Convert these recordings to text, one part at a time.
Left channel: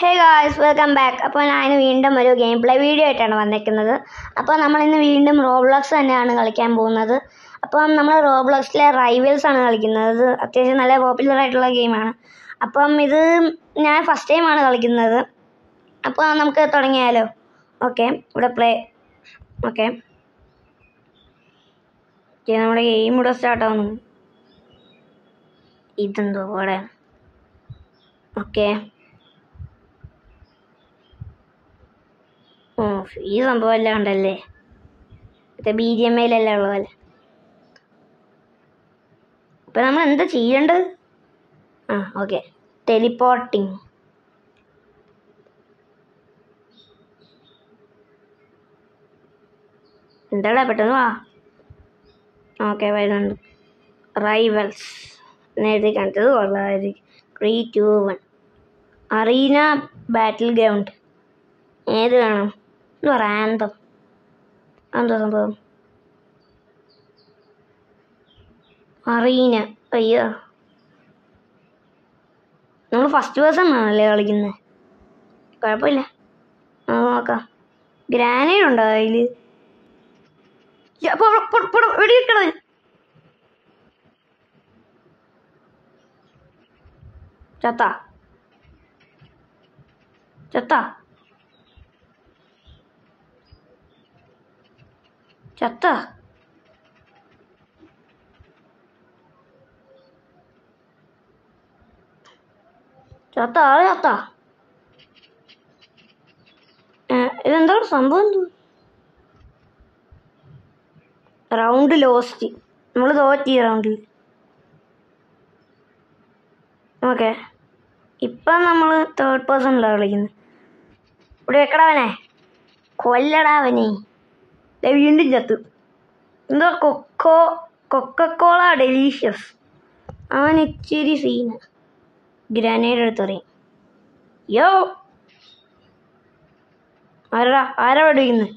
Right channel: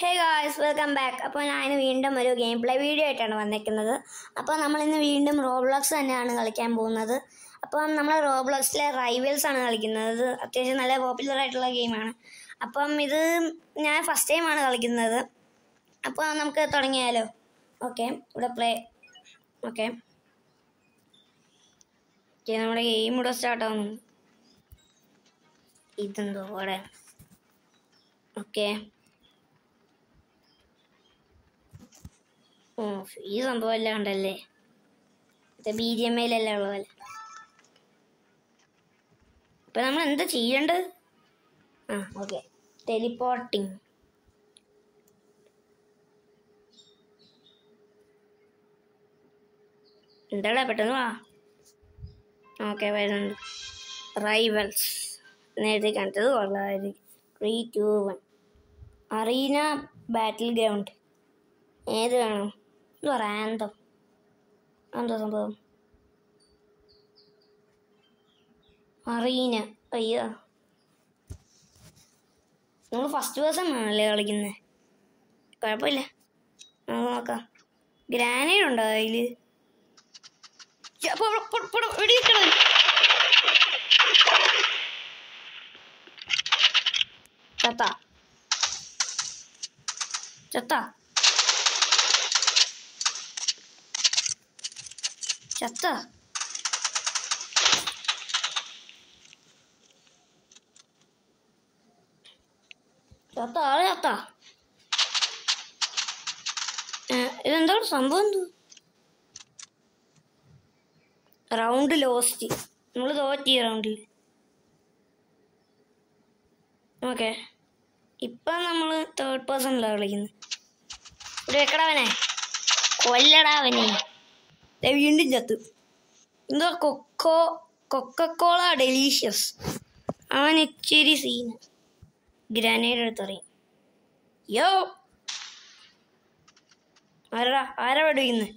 Hey guys welcome back. അപ്പോൾ ഞാൻ വീണ്ടും ഒരു ഗെയിം പ്ലേ വീഡിയോ ആയിട്ടാണ് വന്നിരിക്കുന്നത്. അപ്പോൾ നമ്മളിന്ന് വീണ്ടും റോബ്ലോക്സ് തന്നെയാണ് കളിക്കാൻ പോകുന്നത്. അപ്പം നമ്മൾ റോബ്ലോക്സിലെ റൈവൽസ് ആണ് കളിക്കുന്നത്. അത്യാവശ്യം നല്ല പോപ്പുലർ ആയിട്ടുള്ള ഗെയിമാണ്. അപ്പം ഇത് ഞാൻ ഫസ്റ്റ് ടൈമാണ് കളിക്കുന്നത്. അപ്പോൾ നമുക്ക് തുടങ്ങിയാലോ? ഓക്കെ, ഇവിടെ പ്ലേ. ഓക്കെ, നമ്മുടെ ഗെയിം ഇവിടെ സ്റ്റാർട്ടാവുന്നു. ഇതെന്തോ ഇവിടെ. ഓക്കെ, ഈ സംഭവം എല്ലാം ഉണ്ടല്ലേ, മറ്റേ BGMI ഉള്ള പോലെ. അപ്പം നമ്മൾ എന്താ ചെയ്യേണ്ടത്? ഓക്കെ, ടെലിപ്പോർട്ടിങ്. എന്താടാ പെട്ടെന്ന് വാ. ഓക്കെ, വരുന്നുണ്ട്. റൈവൽസ് നേരത്തെ കണ്ടത് കൊള്ളാമായിരിക്കും. 3, 2, 1 അറീന ബാറ്റിൽ ഗ്രൗണ്ട്. ഏത് വേണം? എന്തോ റാന്തം. എന്തോ സംഭവം? അറീന. അയ്യോ, നമ്മൾ ഫസ്റ്റ് പേഴ്സൺ ആണല്ലേ കളിക്കുന്നത്. കുഴപ്പമില്ല, നമുക്ക് നോക്കാം. ഗ്രാനേഡ് ഉണ്ടോ അതിൽ? വെടിവെക്കണോ? ചത്ത ചത്ത ചത്ത ചത്ത ആള് ചത്ത. ഇതെന്താണ് സംഭവം? എന്തോ റൗണ്ട് ലോസ്റ്റ്. നമ്മൾ തോറ്റി ഈ റൗണ്ടിൽ. ഓക്കെ, ഇപ്പം നമ്മൾ തേർഡ് പേഴ്സണിലാണ് കളിക്കുന്നത്. ഇവിടെ വെക്കടാവനെ, കൊല്ലടാവനെ. വീണ്ടും ചത്ത്. എന്തോ കൊക്കക്കോള ഡെലീഷ്യസ്. അവൻ ഇച്ചിരി സീന. ഗ്രാനേഡ് എടുത്ത് പറയും. യോ, ആരാ പഠിക്കുന്നത്?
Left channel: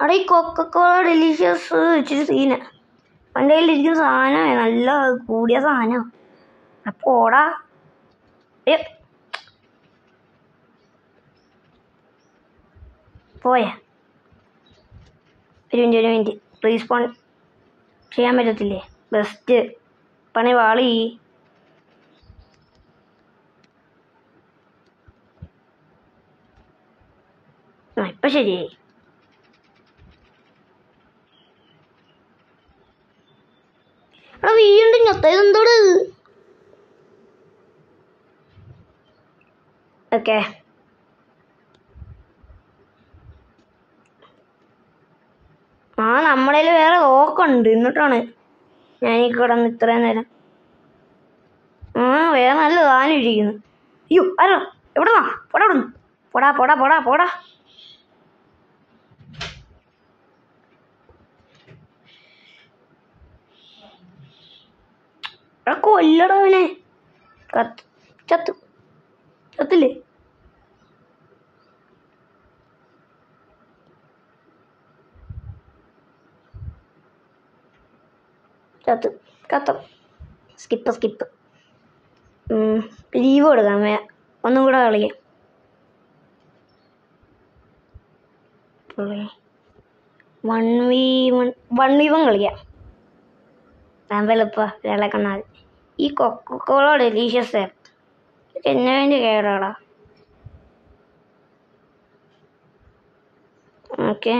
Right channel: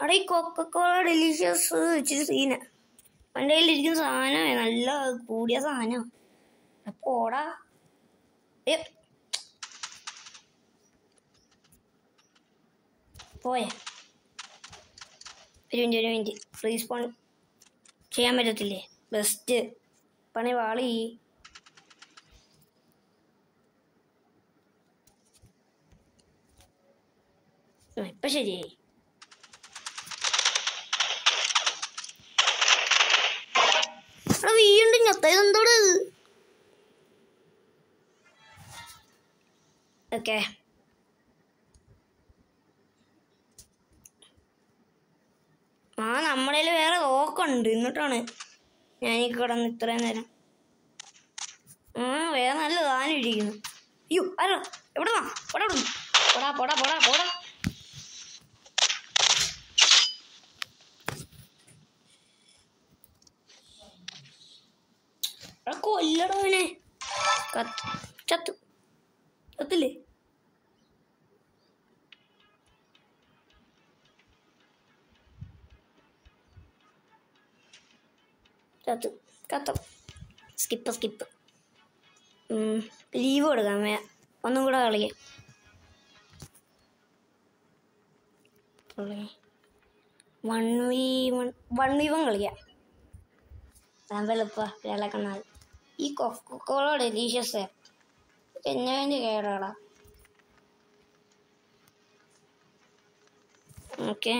അവിടെ ഈ കൊക്കക്കോള ഡെലീഷ്യസ് ഇച്ചിരി സീന. അവൻ്റെ കയ്യിലിരിക്കുന്ന സാധനമേ നല്ല കൂടിയ സാധനമാണ്. അപ്പോൾ ഓടാ. പോയാ ഒരു മിനിറ്റ് റീസ്പോൺ ചെയ്യാൻ പറ്റത്തില്ലേ? ബെസ്റ്റ് പണി വാളി. ഇപ്പം ശരിയായി. വീണ്ടും ഞെത്തതെന്തോട്? ഓക്കെ, നമ്മളതിൽ വേറെ ഓക്കുണ്ട്. എന്നിട്ടാണ് ഞാനീ കിടന്ന് ഇത്രയും നേരം. വേറെ നല്ല സാധനം ഇരിക്കുന്നു. അയ്യോ, ആരോ എവിടെ വാ? പോടാ പോടാ പോടാ പോടാ പോടാ. കൊല്ലടവനെ. ചത്തില്ലേ? കത്തം. സ്കിപ്പ്. ലീവ് കൊടുക്കാം. ഒന്നും കൂടെ കളിക്കാം. 1v1 കളിക്കാം. എളുപ്പ വിളക്കണ്ണാൽ. ഈ കൊക്കക്കോള ഡെലീഷ്യസ് എന്നെ വേണ്ടി കേടാടാ. ഓക്കെ,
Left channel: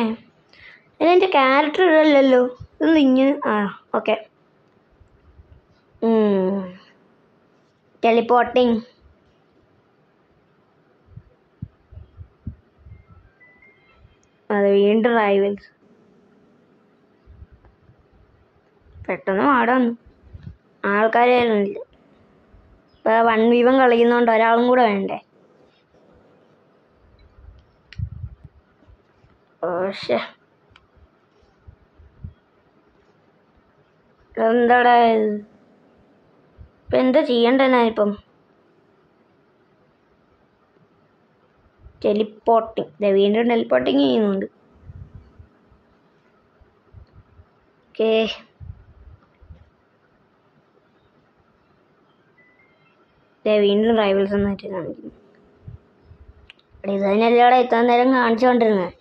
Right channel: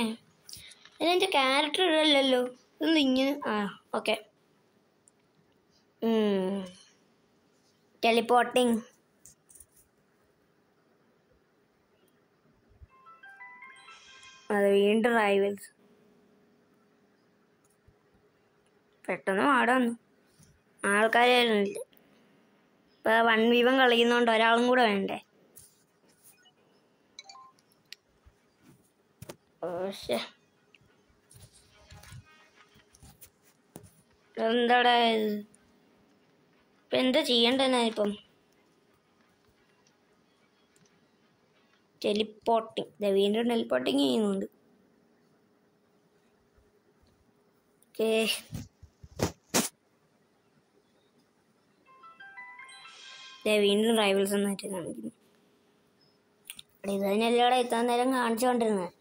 ഇതിൻ്റെ ക്യാരക്ടർ ഇടല്ലോ. ഇതൊന്നും ഇങ്ങനെ. ഓക്കെ, ടെലിപ്പോർട്ടിങ്. അത് വീണ്ടും റൈവൽസ്. പെട്ടെന്ന് പാടാന്ന്. ആൾക്കാരായിരുന്നില്ല. ഇപ്പോൾ 1v1 കളിക്കുന്നതുകൊണ്ട് ഒരാളും കൂടെ വേണ്ടേ? പക്ഷേ എന്താടാ ഇപ്പം എന്താ ചെയ്യണ്ടേ? ഞാനിപ്പം ടെലിപ്പോർട്ടിങ്. വീണ്ടും ടെലിപ്പോർട്ടിങ് ചെയ്യുന്നുണ്ട്. ഓക്കെ, വീണ്ടും റൈവൽസ് എന്നായിട്ട് കാണിക്കുന്നു. ഇത് തന്നെയല്ലേ അവിടെ എത്താൻ നേരം കാണിച്ചുകൊണ്ടിരുന്നത്.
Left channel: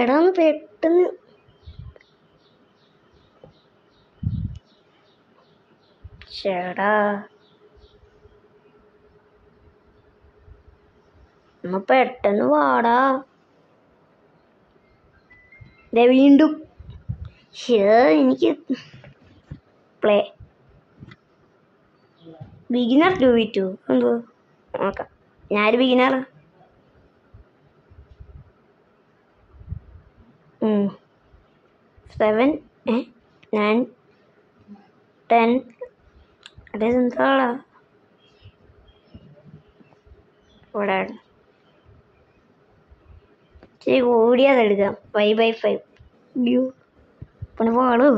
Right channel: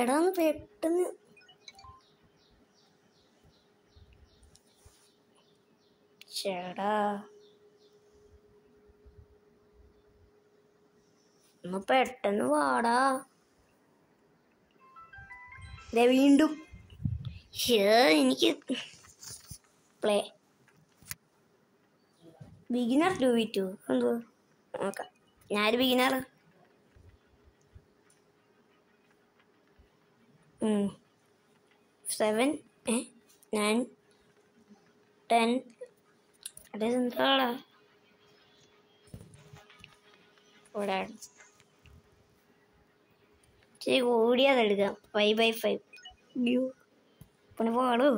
എടാ ഒന്ന് പെട്ടെന്ന് ചേടാ ഒന്ന് പെട്ടെന്ന് വാടാ. വീണ്ടും എനിക്ക് പ്ലേ ബിഗിനർ 2v2 എന്തോ നോക്കാം. ഞാനൊരു ബിഗിനർ. 7 9 10 അതെന്താടാ ഇവിടെ ഇച്ചിരി കൂടിയതെടുക്കാം. 5x5 വ്യൂ പിന്നെ പാടൂ.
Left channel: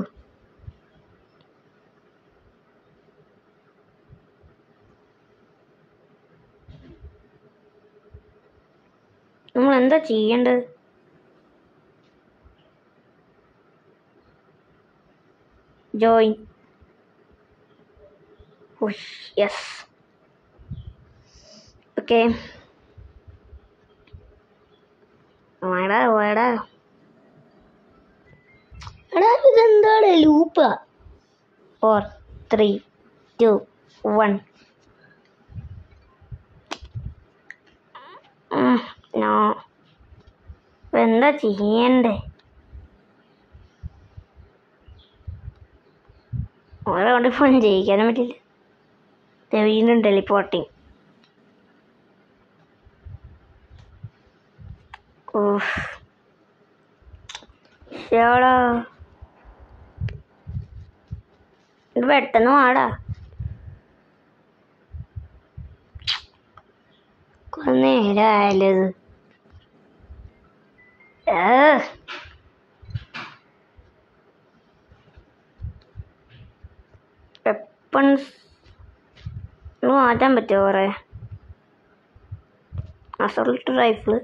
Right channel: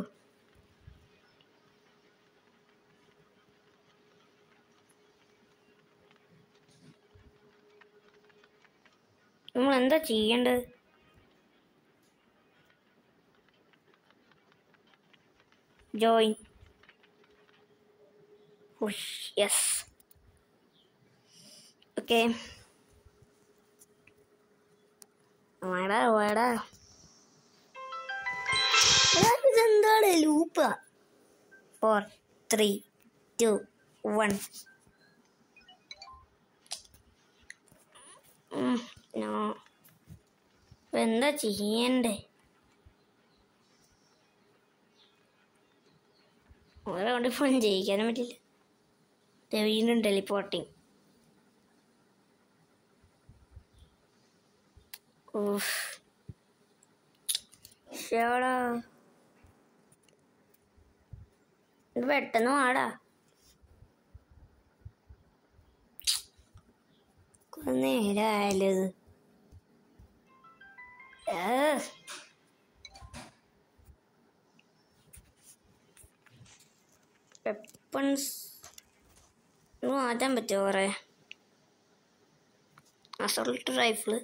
നമ്മളെന്താ ചെയ്യേണ്ടത്? ജോയിൻ. Yes okay. വേടാ വേടാ ഇതെന്താണ് ലൂപ്പാ? 4 3 2 1 നോ. എന്താ ചെയ്യണ്ടേ? ഓരോ കൊണ്ട് ഫോൺ ജയിക്കാനും പറ്റില്ല. വീണ്ടും ടെലിപ്പോർട്ടിങ്. ഷേടാ ഇത് പെട്ടെന്ന് വാടാ. കുറെ നേരമായാലോ ഇത്. വെപ്പൺസ് മാറ്റാൻ പറ്റുമോ? കുറേ അസോൾട്ട് റൈഫിള്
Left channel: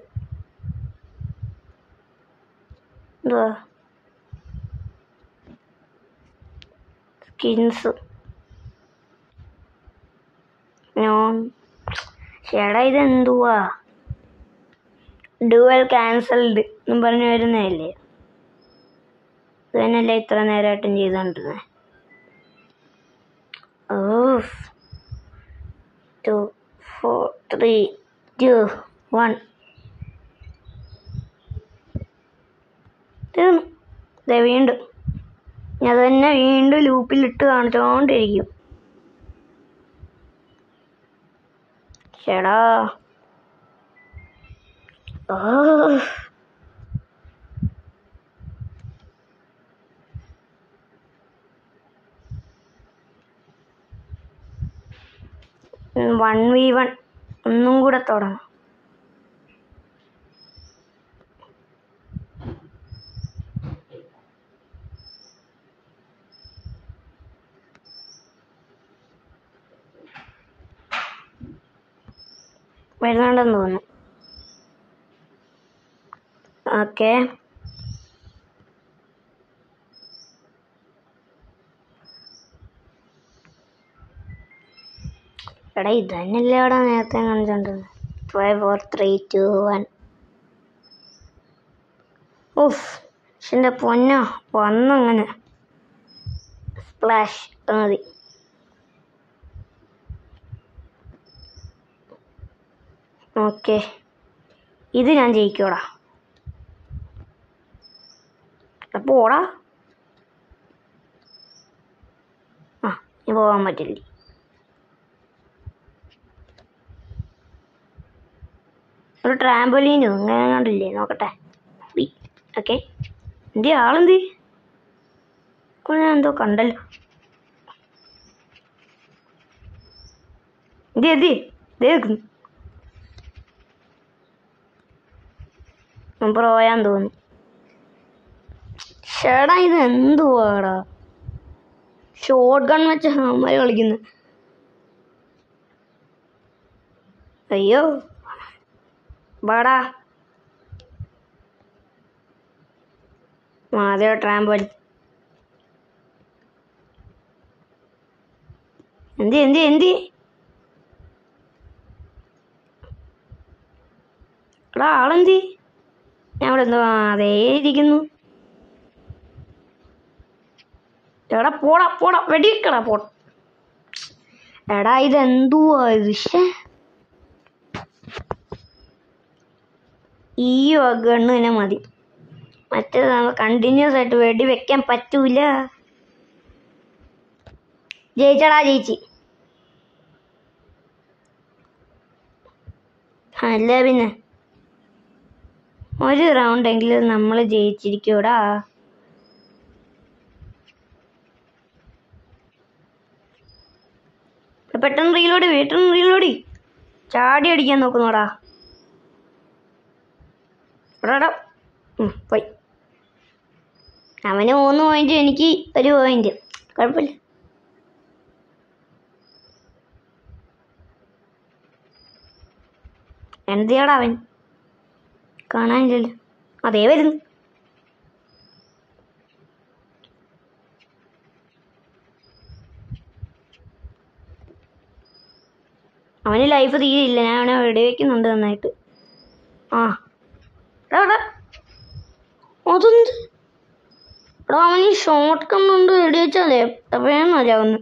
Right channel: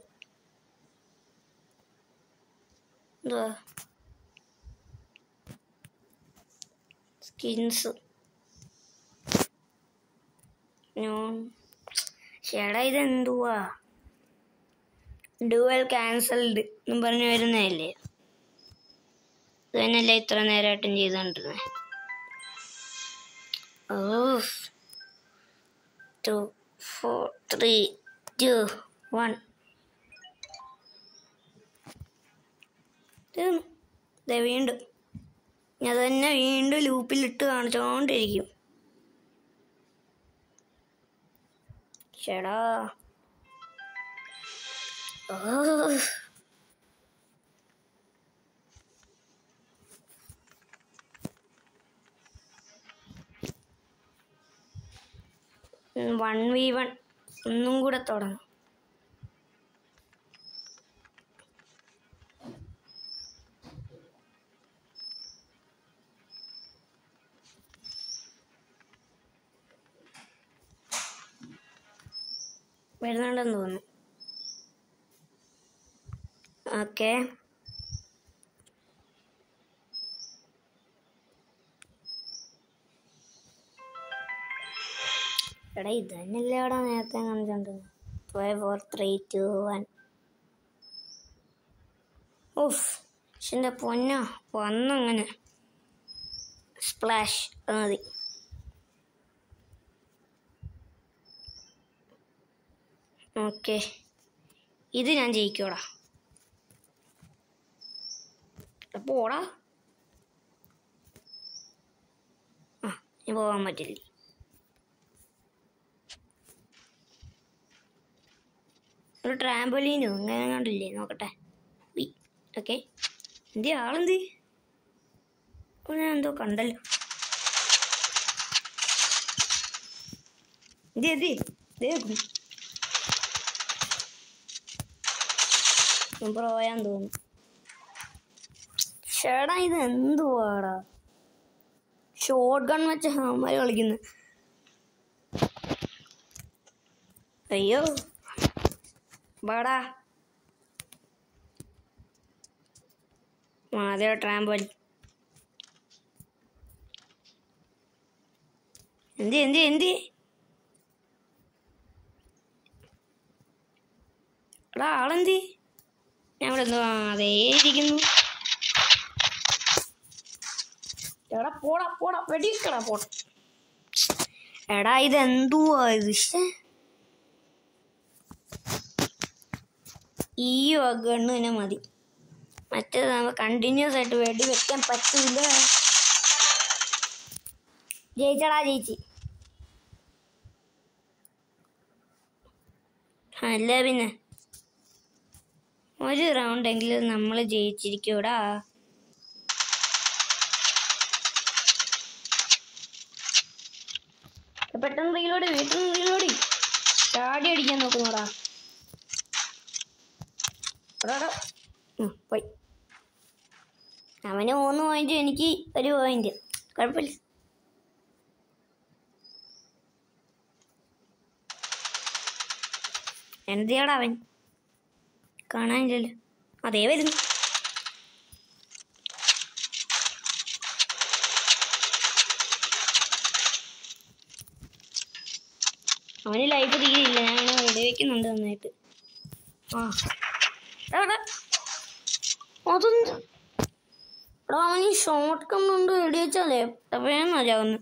എന്തുവാ? Skins non. ചേടാ ഇതെന്തുവാ? ഡുവൽ ക്യാൻസൽഡ് എന്നും പറഞ്ഞു വരുന്നതല്ലേ? ഇത് തന്നെയല്ലേ ഇത്ര നേരമായിട്ടും ചെയ്തുകൊണ്ടിരുന്നത്. 2 4 3 2 1 തീർന്നു. വീണ്ടും ഞാൻ തന്നെ വീണ്ടും ലൂപ്പിലിട്ട് കാണിച്ചോണ്ടിരിക്കും. ചേടാ 1v1 ഒന്നും കൂടെ തുടങ്ങാം. വരുന്നുണ്ടെന്ന് തോന്നുന്നു. ഓക്കെ എടാ ഇത് തന്നെയല്ലേ അവിടെ നേരത്തെ കാണിച്ചോണ്ടത്. 5 4 3 2 1 ഓഫ്. പക്ഷെ എൻ്റെ പൊന്നോ വന്നങ്ങനെ സ്പ്ലാഷ് മതി. ഓക്കെ ഇത് ഞാൻ ജയിക്കോടാ. അപ്പോൾ ഓടാ. ഇനി പോകാൻ പറ്റില്ലേ? ഒരു ട്രാമ്പോലീനോ അങ്ങനെ കണ്ടില്ലേ? നോക്കട്ടെ. ഓക്കെ എന്തി ആളെന്തി? ഞാൻ എന്തോ കണ്ടല്ലോ. എന്തി പോയാൻ തോന്നുന്നു. ചേടാ ഇത് എന്തുവാടാ? ഷോട്ട് ഗൺ വെച്ച് ഹാമര് കളിക്കുന്നു. അയ്യോ വാടാ. അതെയോ ട്രാമ്പോലി. എന്ത് എടാ ആളെന്തി? ഞാൻ ഇവിടെ എന്തോ അതേ ഇരിക്കുന്നു. എടാ പോടാ വെടിക്കടാ പോടാ. എടാ ഇതെന്തുവാ ഇത്? ഈ ഗണ്ണ് തന്നെ മതി. മറ്റേത് നമുക്ക് കണ്ടിന്യൂസ് ആയിട്ട് വെടി വെക്കാൻ പറ്റൂല. ജയിച്ചടാ ജയിച്ച്. അല്ല പിന്നെ ഒരു റൗണ്ടെങ്കിലും നമ്മൾ ജയിച്ചിരിക്കൂടാ. പെട്ടെന്ന് റീലോടി ചാടി അടിക്കാൻ നോക്കുന്നോടാ. പോയി. അവന് 3 പോയിന്റ്, എനിക്ക് 1 പോയിന്റ്. കുഴപ്പമില്ല. എന്തിയാടാ അവൻ? കാണാനില്ലല്ലോ. അതേ വരുന്നു. അവന് ലൈഫ് തീരില്ല. ഞാൻ അവനെ വെടിവെക്കുന്നുണ്ട് നന്നായിട്ട്. അതൊന്ന് എടാ അവന് ഷോർട്ട് കണ്ണുണ്ട്. വെടിവെച്ചാലേ വേണമെന്നറിയാവുന്നു.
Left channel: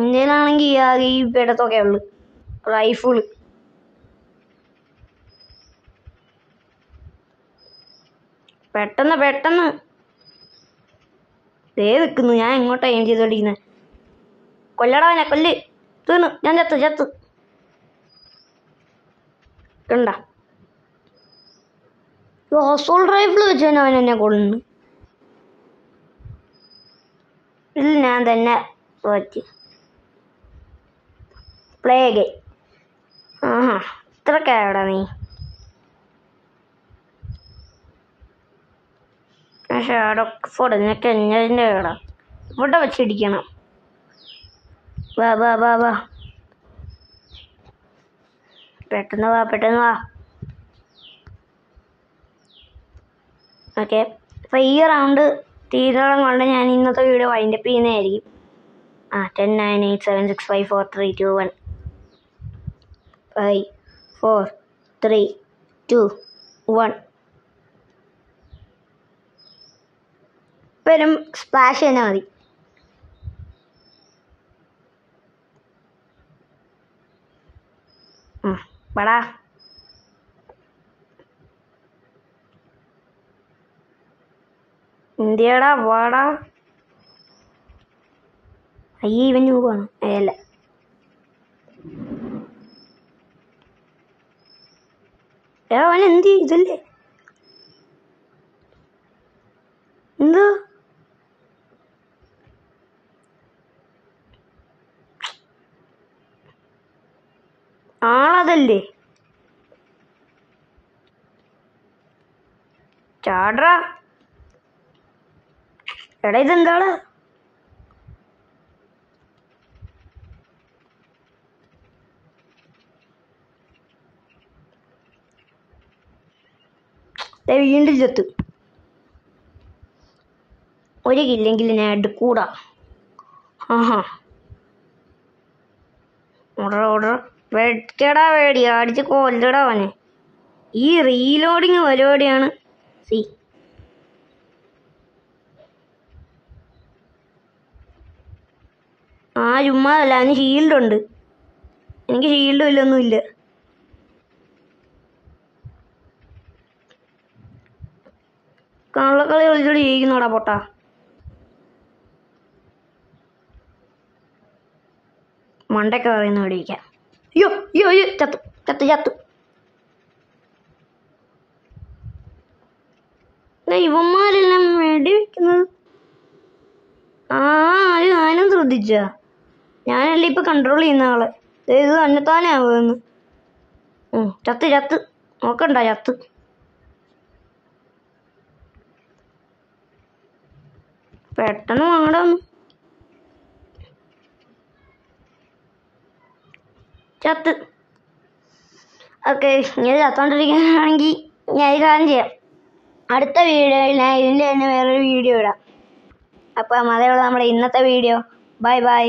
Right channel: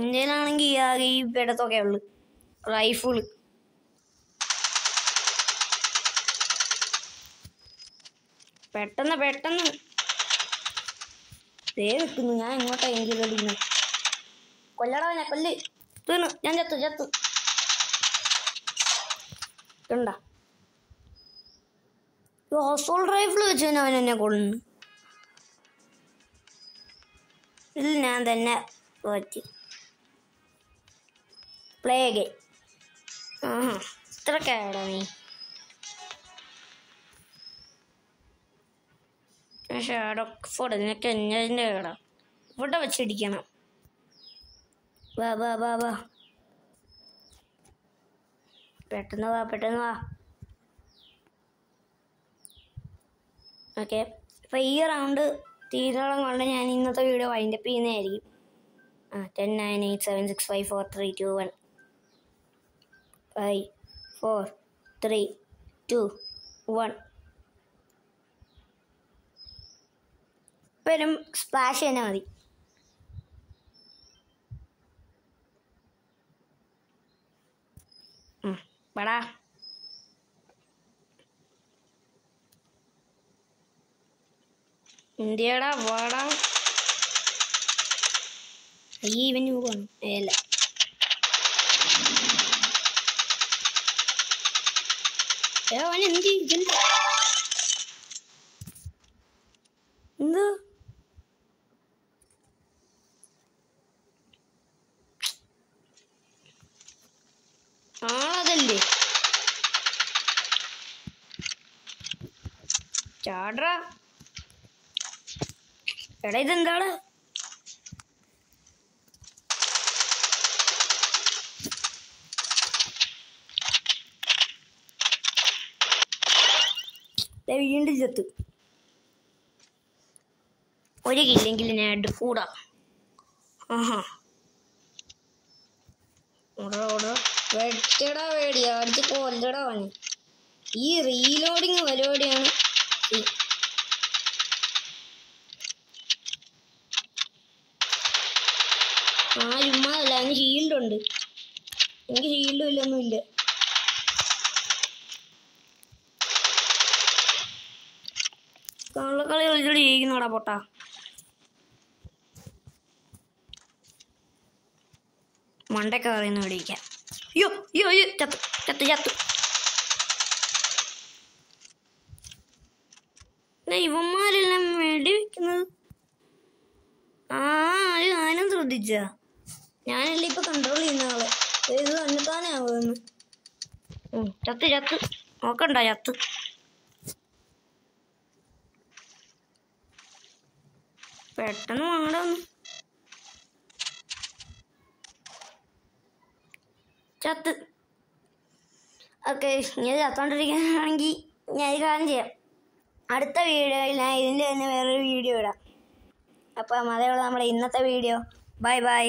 ഇന്ത്യയിലാണെങ്കിൽ ആകെ ഈ പിടത്തൊക്കെ ഉള്ളു റൈഫിള്. പെട്ടെന്ന് ദേ നിൽക്കുന്നു. ഞാൻ എങ്ങോട്ടാ എയിം ചെയ്തോണ്ടിരിക്കുന്നത്? കൊല്ലടാ അവനെ, കൊല്ല്. തീർന്നു. ഞാൻ ചത്തു കണ്ട. അസോൾട്ട് റൈഫിൾ വെച്ച് തന്നെ അവൻ എന്നെ കൊള്ളുന്നു. ഇതിൽ ഞാൻ തന്നെ പറ്റി. Play game. ഇത്രക്കാടാ നീ? ഷാഡോ ഫോഡ് നിനക്ക് എന്നതിൻ്റെ കേടാ. ഇവിടെ വെച്ചിടിക്കണം. വാ പെട്ടെന്ന് വാ. ഓക്കെ, അപ്പോൾ ഈ റൗണ്ട് തീരോളം കൊണ്ട് ഞാൻ ഇന്നത്തെ വീഡിയോ വൈൻഡപ്പ് ചെയ്യുന്നതായിരിക്കും. 10 9 8 7 6 5 4 3 2 1 5 4 3 2 1. ഇപ്പം സ്പ്ലാഷ് തന്നെ മതി. വാടാ. എന്തിയാടാ വാടാ. അയ്യേ ഇവൻ പോകണം. അല്ല അവൻ എന്ത് ഇതില്ലേ? എന്തോ ആളതല്ലേ? ചാടറാ. എടാ ഇതെന്താടാ? വീണ്ടും ചത്തു. ഒരു കില്ലെങ്കിൽ ഞാൻ എടുക്കൂടാ. ഓർഡർ വെച്ചടാ. വേടി അടിച്ച് കൊല്ലടാ അവനെ. ഈ റീലോഡിങ് പരിപാടിയാണ്. ചുമ്മാതല്ല, അവന് ഷീൽഡുണ്ട്. എനിക്ക് ഷീൽഡും ഇല്ലൊന്നുമില്ല. കള്ളക്കളി കളിച്ചോട് ജയിക്കുന്നോടാ പൊട്ടാ. മണ്ടൊക്കെ പറയുന്ന മേടിക്കാം. അയ്യോ ചത്തു. ഇവന്മാരെല്ലാം വെടി വെക്കുന്നത് ഞാനും ശ്രദ്ധിച്ച. ഞാനല്ലേ ഇപ്പൊ കൺട്രോൾ ചെയ്യുന്ന ആള്. ഇത് തന്നെത്താനാവുന്നു. ചത്ത് നോക്കണ്ട. ചത്ത് പെട്ടെന്ന് വാങ്ങടാ ഒന്ന്. ചത്ത്. ഓക്കെ, ഇങ്ങനെ ചത്തോണ്ടിരിക്കുകയാണെങ്കിൽ ഞാൻ ഇത് കാര്യം ചെയ്യാം. അടുത്ത വീഡിയോയിൽ ഞാൻ ഇതിൻ്റെ തന്നെ വേറൊരു വീഡിയോ ഇടാം. അപ്പം അതേപോലെ നമ്മുടെ ഇന്നത്തെ വീഡിയോ ബൈ ബൈ.